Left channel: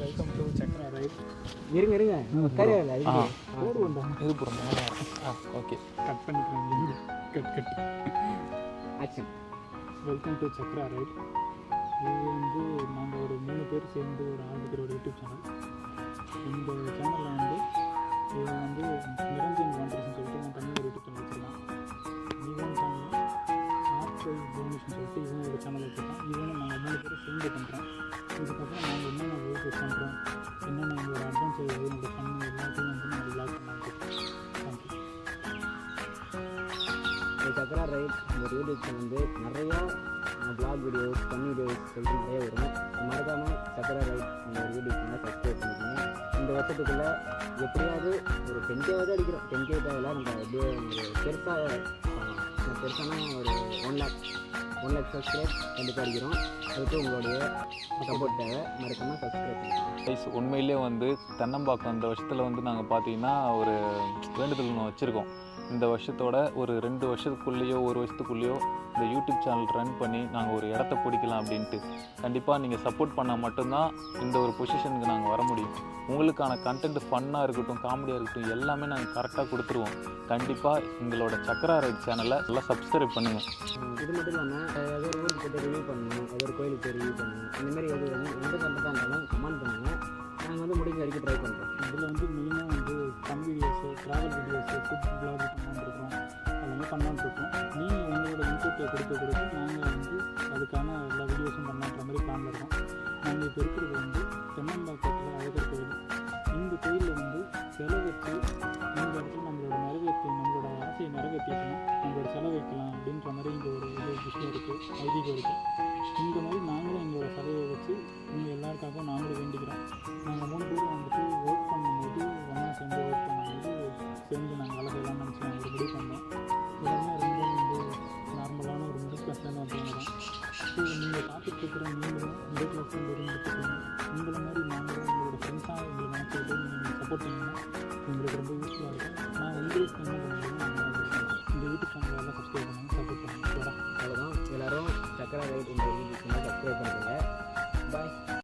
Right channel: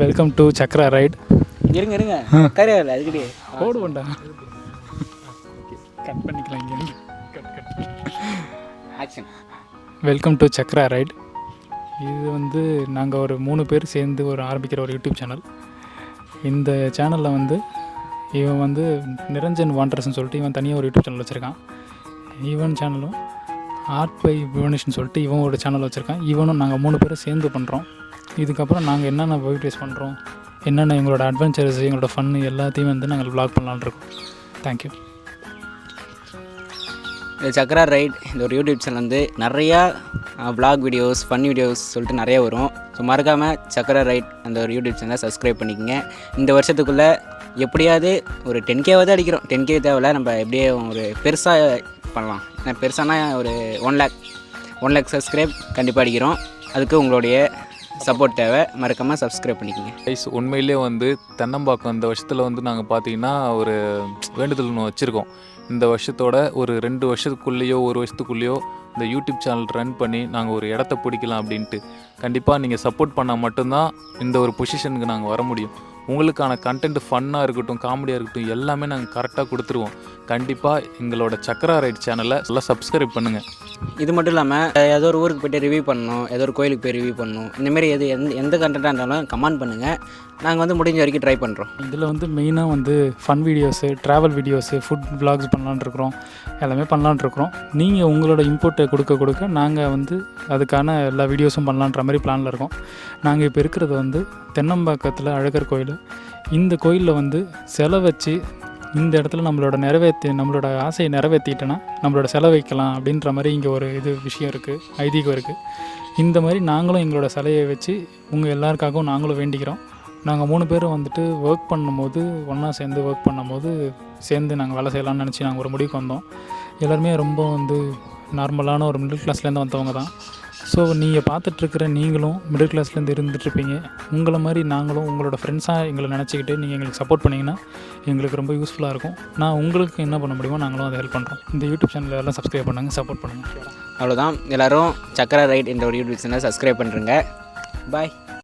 Welcome to Chakra right. இருங்க இருங்க கரையால அதுக்கு போடுவோண்டா இது போடுங்க. ஓகே கட் பண்ணிக்கலாம் இங்கே. Cut action. Welcome to Chakra right. இது வந்து நாங்கள் ஒரு 3 பேர் சேர்ந்து ஆரம்பிக்கிற ஒரு யூடியூப் சேனல். இந்த சேனலில் வந்து இவன் வந்து நிரஞ்சன் வாண்டர்ஸ்ன்னு சொல்லிட்டு இவன் தனியாக ஒரு யூடியூப் சேனல் வச்சுருக்கான். இவன் சேனலும் ஆர்ட் பை புவனேஷ்னு சொல்லிட்டு இவன் ஒரு சேனல் வச்சுருக்கான். இவனும் நாங்கள் 3 பேரும் சேர்ந்து பண்ணுறோம். இதுக்கப்புறம் நாங்கள் என்னென்ன வீடியோஸ் பண்ணுறோம், என்னென்ன எங்களோட அட்வென்ச்சர்ஸ், எங்களோட ஃபன்னு எல்லாத்தையும் வந்து நாங்கள் vlog பண்ணலான்னு இருக்கோம். தேங்க்யூ. இந்த சக்ரா ரைட் இந்த ஒரு யூடியூப் சேனல் வந்து நிறையா vlog வீடியோஸ் ஃபன் வீடியோஸ் சொல்லிட்டு நிறைய வரும். ஸோ மறக்காமல் சக்ரா ரைட் அந்த ஒரு யூடியூப் சேனலை சப்ஸ்கிரைப் பண்ணிக்கோங்க. இந்த வருஷத்துக்குள்ளே எப்படியாவது ஒரு 10K அடிக்கிறோம். 10K தேவையில்ல, நம்ம எப்படியே ஒரு பெருசாக பண்ணலாம். பெருசானா ஒரு 1 lakh சப்ஸ்கிரைப் கண்டிப்பாக அடிக்கிறோம். அதுக்கு உங்களுடைய சப்போர்ட் தேவை. மறக்காமல் சப்ஸ்கிரைப் பண்ணிக்கோங்க. கைஸ், உண்மையிலே வந்து தென்னம்பாக்கம் இந்த வருஷத்தில் வந்து நாங்கள் பார்த்தீங்கன்னா ஒரு வேண்டுதல் ஒன்று வச்சுருக்கோம். இந்த வருஷத்தோட ஒரு 2 வருஷத்துக்குள்ளேயோ 1 வருஷத்துக்குள்ளேயோ இந்த யூடியூப் சேனல் ரன் பண்ணி நாங்கள் ஒரு இடத்த பிடிக்கலாம் அப்படின்ட்டு. கண்டிப்பாக நீங்கள் சப்போர்ட் பண்ணால் மட்டும்தான் இந்த ஒரு பொசிஷனுக்கு நாங்கள் வர முடியும். உங்களுக்கான கண்டென்ட் ஃபன்னாக இருக்கட்டும், காமெடியாக இருக்கட்டும், எல்லாமே நாங்கள் கரெக்டாக கொடுத்துருவோம். கண்டிப்பாக எங்களோட சக்ரா ரைட் சேனலை எல்லாம் சப்ஸ்கிரைப் பண்ணுங்கள். இது மட்டும் இல்லாமல் ஏதோ ஒரு ஊருக்கு போய்ட்டு ரிவ்யூ பண்ணணும், ஏதோ ஒரு கோயிலுக்கு போய் ரிவ்யூ பண்ணணும், இந்தமாரி எந்த கண்டென்ட்டாக இருந்தாலும் கமெண்ட் பண்ணுங்கள். நாங்கள் வந்து முடிஞ்ச வரைக்கும் ட்ரை பண்ணுறோம். இதில் வந்து மெயினாக வந்து fun videos, travel videos, food vlogs பண்ணலான்னு இருக்கிறோம். எல்லாமே பண்ணலான்னு இருக்கிறோம். நீங்கள் உங்களோட இன்புட்டை கொடுக்க நாங்கள் வந்து அதுக்கான எல்லா வீடியோஸும் பண்ணலான்ற மாதிரி பிளானில் இருக்கோம். நாங்கள் இப்போ இருக்கிறது வந்து தென்னம்பாக்கத்தில் அழகர் கோயில். இந்த கோயிலில் வந்து சிலை வச்சு இந்த இடத்துல நம்மளோட ஆசையை நிறைவேற்றிட்டோன்னா நம்மளோட செலவு வைக்கலாம் அப்படின்ற மாதிரி இங்கே ஒரு விஷயம் இருக்குது, ஐதீகம் இருக்குது. இந்த மாதிரி நாங்களும் எங்களோட சிலையை வச்சு உங்கள் எல்லாருக்காகவும் நாங்களும் வேண்டிக்கிறோம். நாங்கள் 3 பேரும் வந்துட்டு ஒர்க் பண்ணும்போது ஒன்றா சேர்ந்து ஒர்க் பண்ணும்போது சேர்ந்து நாங்கள் வேலை செய்யலாம்னு நினச்சி நாங்கள் ஒரு முடிவுக்கு வந்தோம். எல்லாருமே ரொம்ப வந்து நார்மலான ஒரு மிடில் கிளாஸ்லேருந்து வந்தவங்க தான். ஸோ நீங்கள் பார்த்துட்ருக்கிற நீங்களும் மிடில் கிளாஸ்லேருந்து இருந்துகிட்ருப்பீங்க. உங்களை மாதிரி நாங்களும் உங்களோட ஃப்ரெண்ட்ஸாக எங்களை நினச்சிக்கிட்டு நீங்கள் எங்களுக்கு சப்போர்ட் பண்ணிங்கன்னா எங்களுக்கு ரொம்ப யூஸ்ஃபுல்லாக இருக்கும். நான் உங்களுக்கு என்ன பண்ண முடியுமோ நாங்களும் அதை ஹெல்ப் பண்ணுறோம். இந்த யூடியூப் சேனலில் எல்லாம் சப்ஸ்கிரைப் பண்ணுங்கள், சப்போர்ட் பண்ணுங்கள். அவ்வளோதான். எல்லோரும் சக்ரா ரைட் என்ற ஒரு யூடியூப் சேனலை சப்ஸ்கிரைப் பண்ணுறேங்க. பாய்.